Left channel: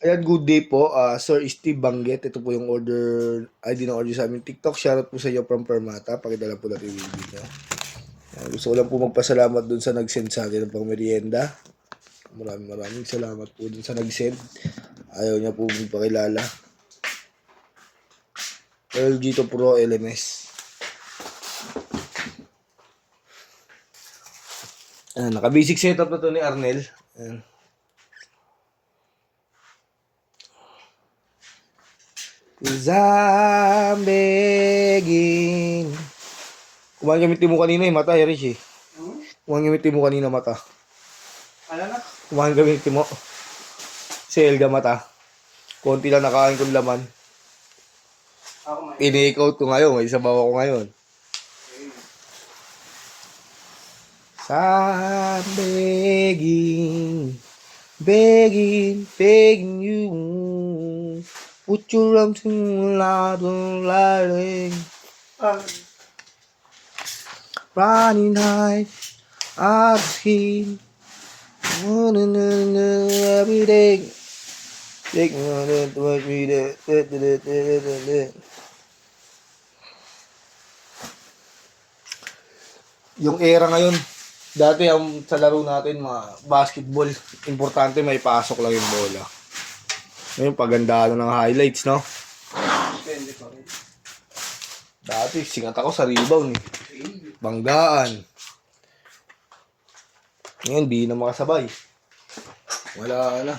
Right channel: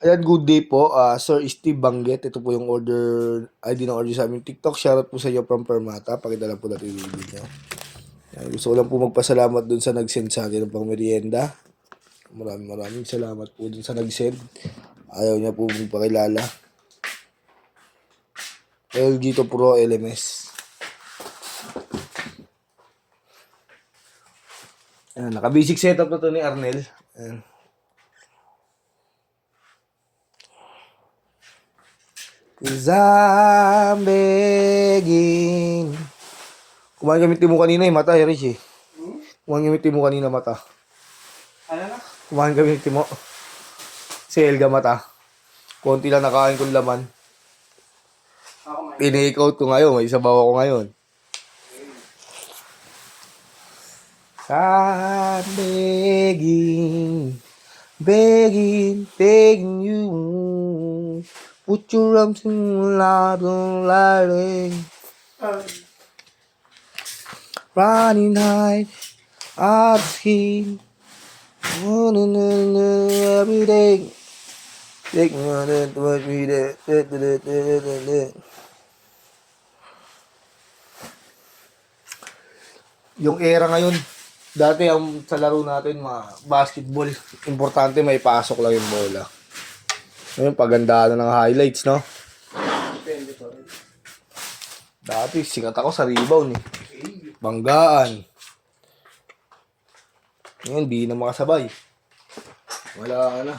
Ayan, good day po. Sir Steve Banget. Ito po yung ID ng order sa aming TikTok. Shoutout po sa iyo from Permata. Pakita lang po natin yung video. Ayan, gusto ko lang po magpasalamat dun sa nag-send sa atin ng pang merienda. Maraming salamat po dun sa nag-send. Ayaw niya po magpakilala. LG to Pro LMS. Ayan, naka-basic setup na to ni Arnel. Ayan. Cause I'm begging. Kumain kami timo kanina mata, Rich eh. Kumain kami timo kanina mata. Ano na? Kumain kami timo. Si Elga mata. Konti lang nakain kong laman. Ako may. Tinake out ko ngayon. May sabaw ako ngayon. I'm begging. Begging you. Put your arms in my lap, don't lie. Running high, I've seen every day. Take me to watch me there. Yung era ngayon, dati ang sa laro natin, basketball, importante may pasok lang yung bola. Ngayon, paganda ng highlights, no? Depende ko rin. Dati, singat ako sa rebound, eh. Banggaan. Ngayon, di na makasabay. Wala na.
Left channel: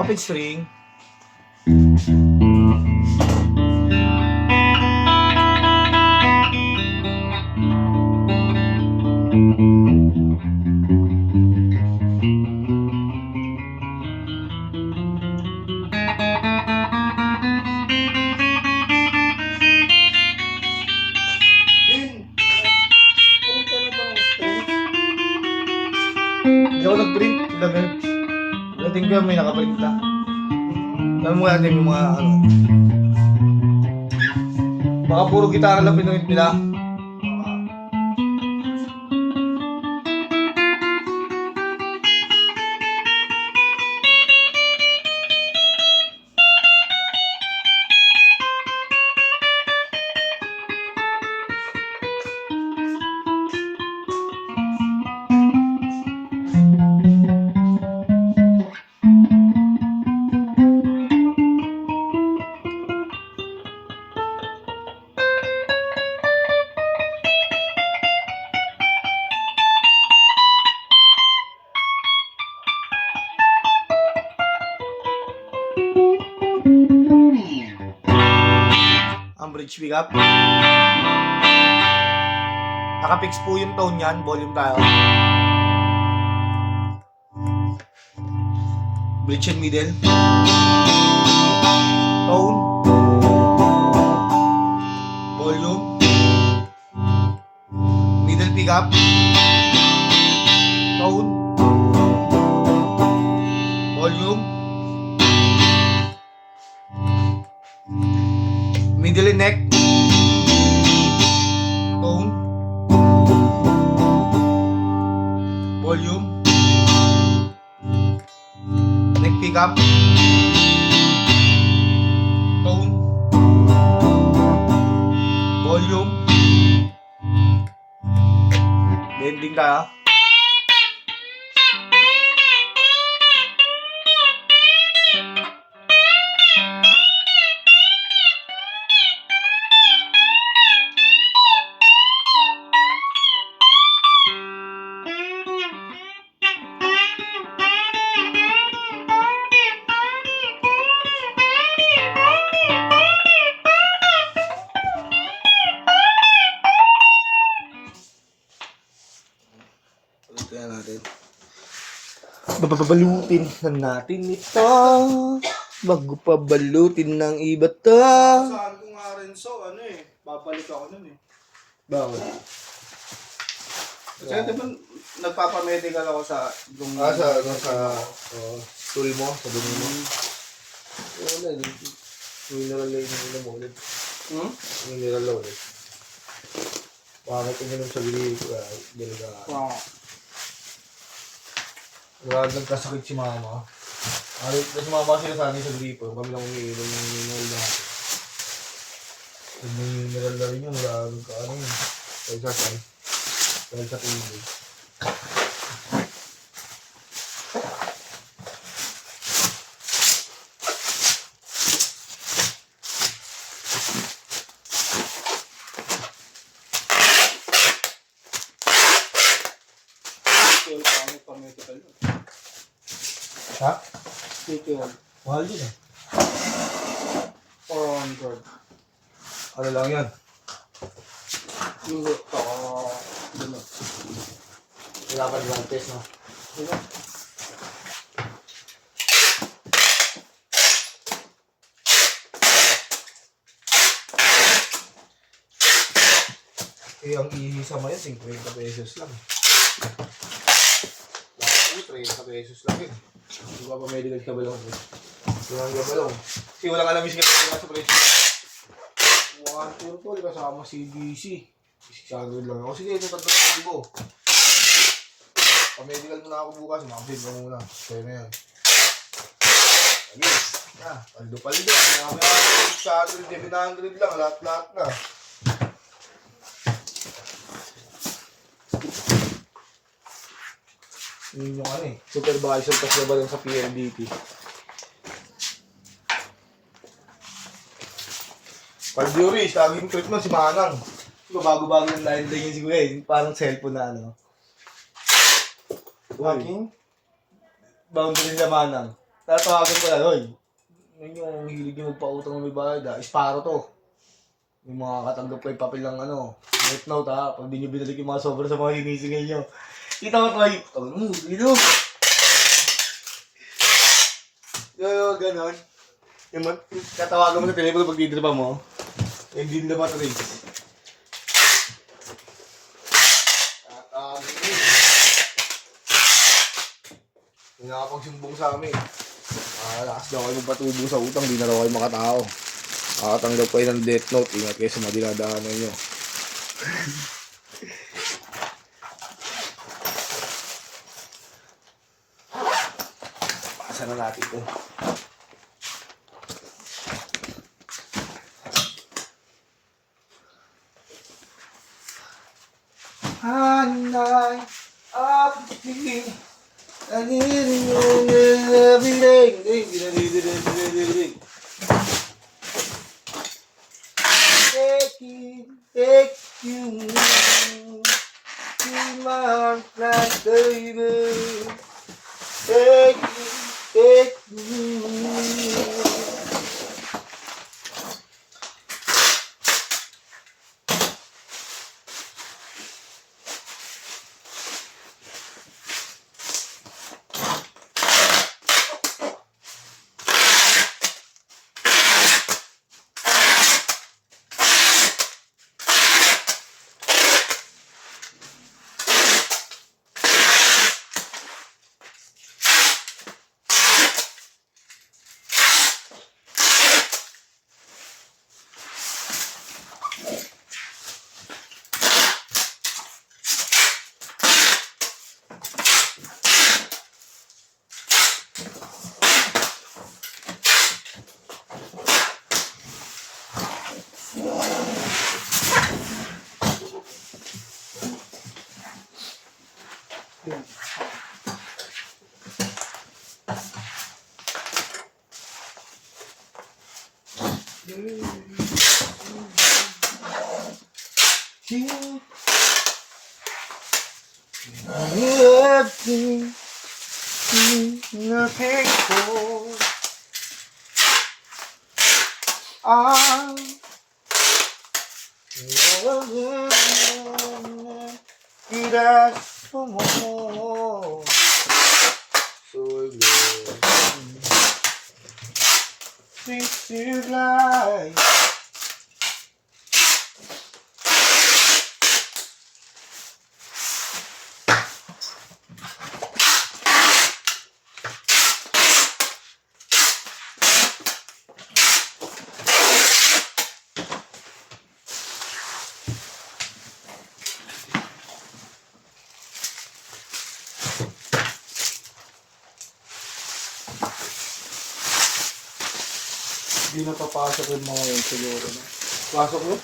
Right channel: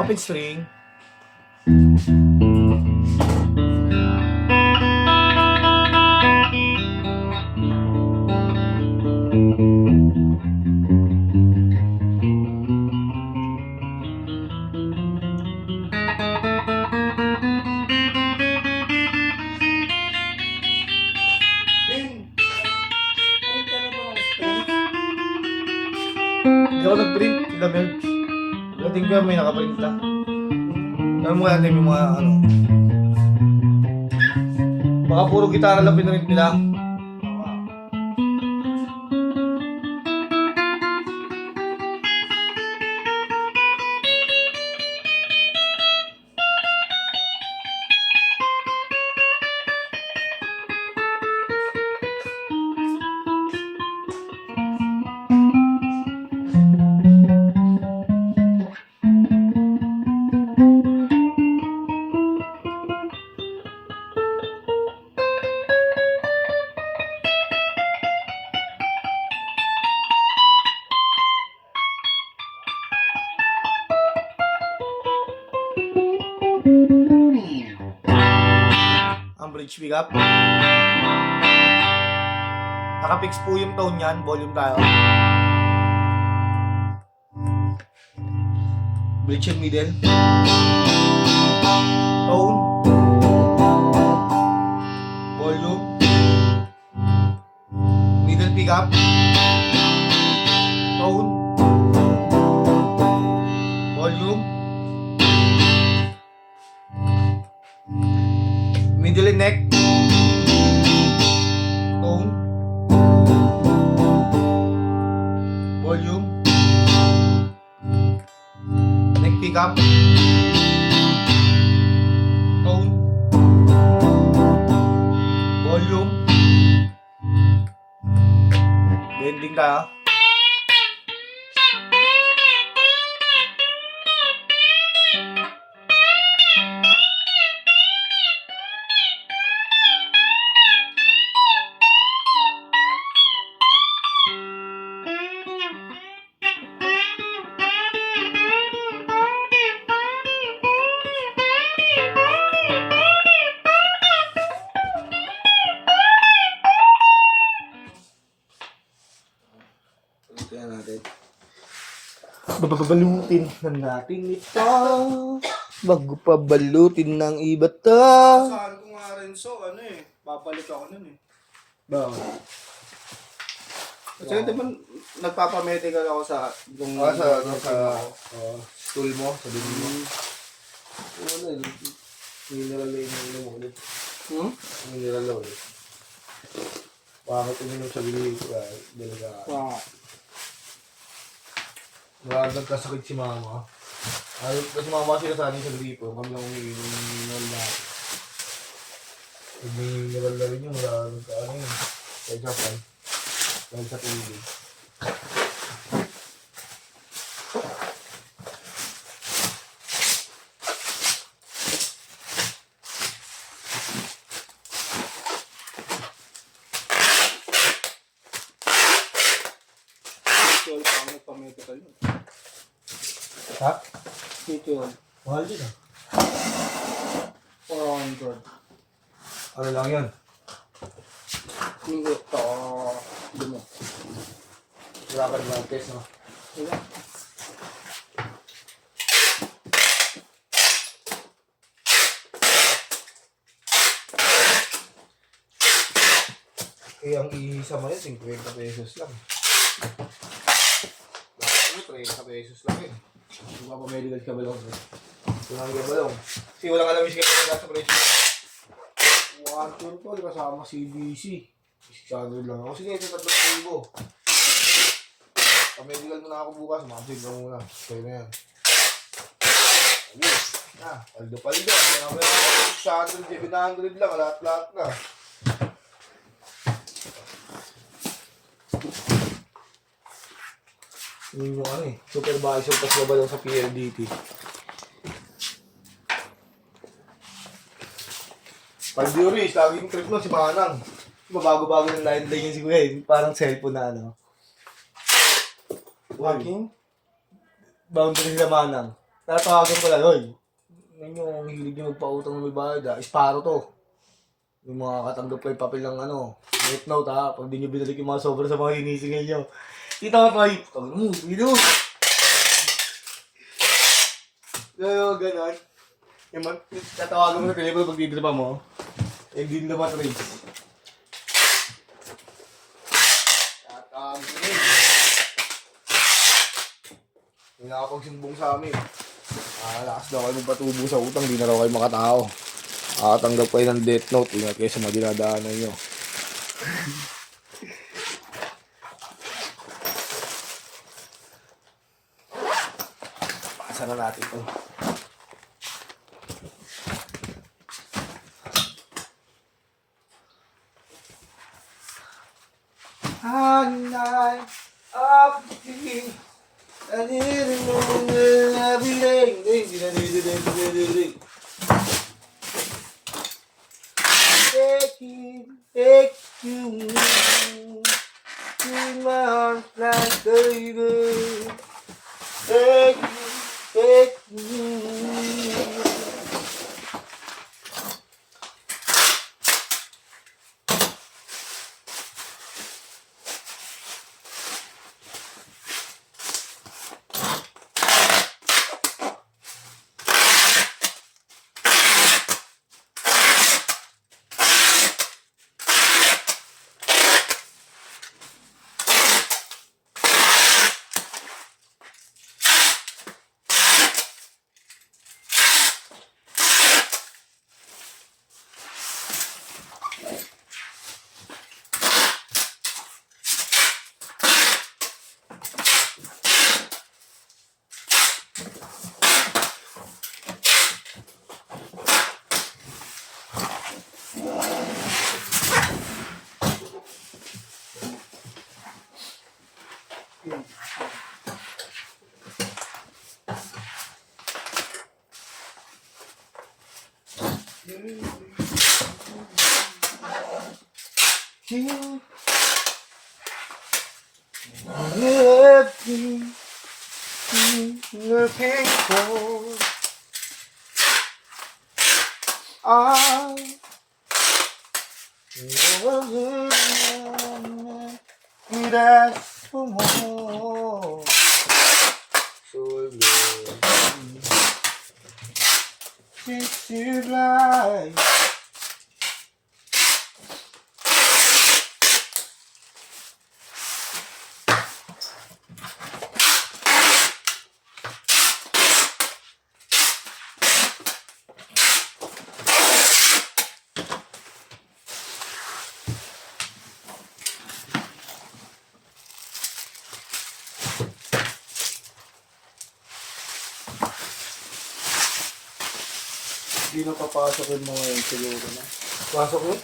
Open string. Hindi ako nag-print. Lamin. Dating ko may nakaprint na. Alam mo natin yung mga ano. Baka puro gitara lang pinulit nila. Ang bridge pick up. Nakapix po yung tone yan. Volume tayo. Bridge and middle. Tone. Volume. Middle pick up. Tone. Volume. Middle and neck. Tone. Volume. Neck pick up. Tone. Volume. Bending tayo. Kaya natin. Babalutin na natin ito. Bago pa balutin ng iba to. Saan ko nga rin ano eh. Babalik ako nun eh. Bakit? Kasi diba nagpapamedical ako sa yung stool mo, sa dumi mo. Wala, mineral lang yung mo ulit. Mineral lang ulit. Pangit uminom sa gripo. Dalaga. Wow. Wala nagkasakit si mama. Tapos mama sila sa atin sa gripo. Kami lang umiinom ng mineral natin. Pag may mineral na rin yun, wala nagkaano yun. Dahil sa pan. Dahil sa tubig. Tol, pangit pa medical yun. Ha? Tol, Mahal din ah. 400. Ano lang yan? Linggo to. Lima. Wala pa rin test no? Lima. Eh, ang isa mo yan, 50 pesos lang. Bakit 30 pesos lang yun. Di ba pa medical ka balong? Tunang ka balong. Kasi walang alam yung siya sa presyo. 1 tol, kasama CBC. 600 lang ako. Sige, ito 3,000. Pa-medical muna ako bukas. Mabig ka muna. Sa'yo na yan. Ayun. Paldo-paldo. Kaya may 600, 700 lang. Lahat-lahat na. Yun yung ano eh. Supervisor tas na ba lang sa PLDT. Paldiuris, laging trip nun si Manang. Diba bago-bago yung line-line yun si Kuya eh. Parang cellphone na ano. Walking? Boundary sa Manang. Tatawagan ko lang, oy. Yun yung hilig yung magpautang ng may bayad ah. Isparo to. Yung mga katanggap ko yung papel ng ano. Note note ha. Pag di nyo binalik yung mga sobra sa mga hinisingay nyo. Kita mo tayo. Tawag mo, dito. Yo, ganon. Yung tatawagan mo sa telepono pag didripa mo. Eh, di na matrace. Tatawagan mo eh. Yung nakapagsumbong sa amin. Lakas daw kayo magpatubo sa utang, di na raw kayo makatao. Makatanggap kayo ng death note, ingat kayo sa mga dinadaanan nyo. Pasa na natin ito. Hanay of me. I need it every day. Take you to my life, baby. Take you. Everything looking for I could ask for more. So good. Treat you like Hindi na papasok yung mga yun siguro na. Pasok yun?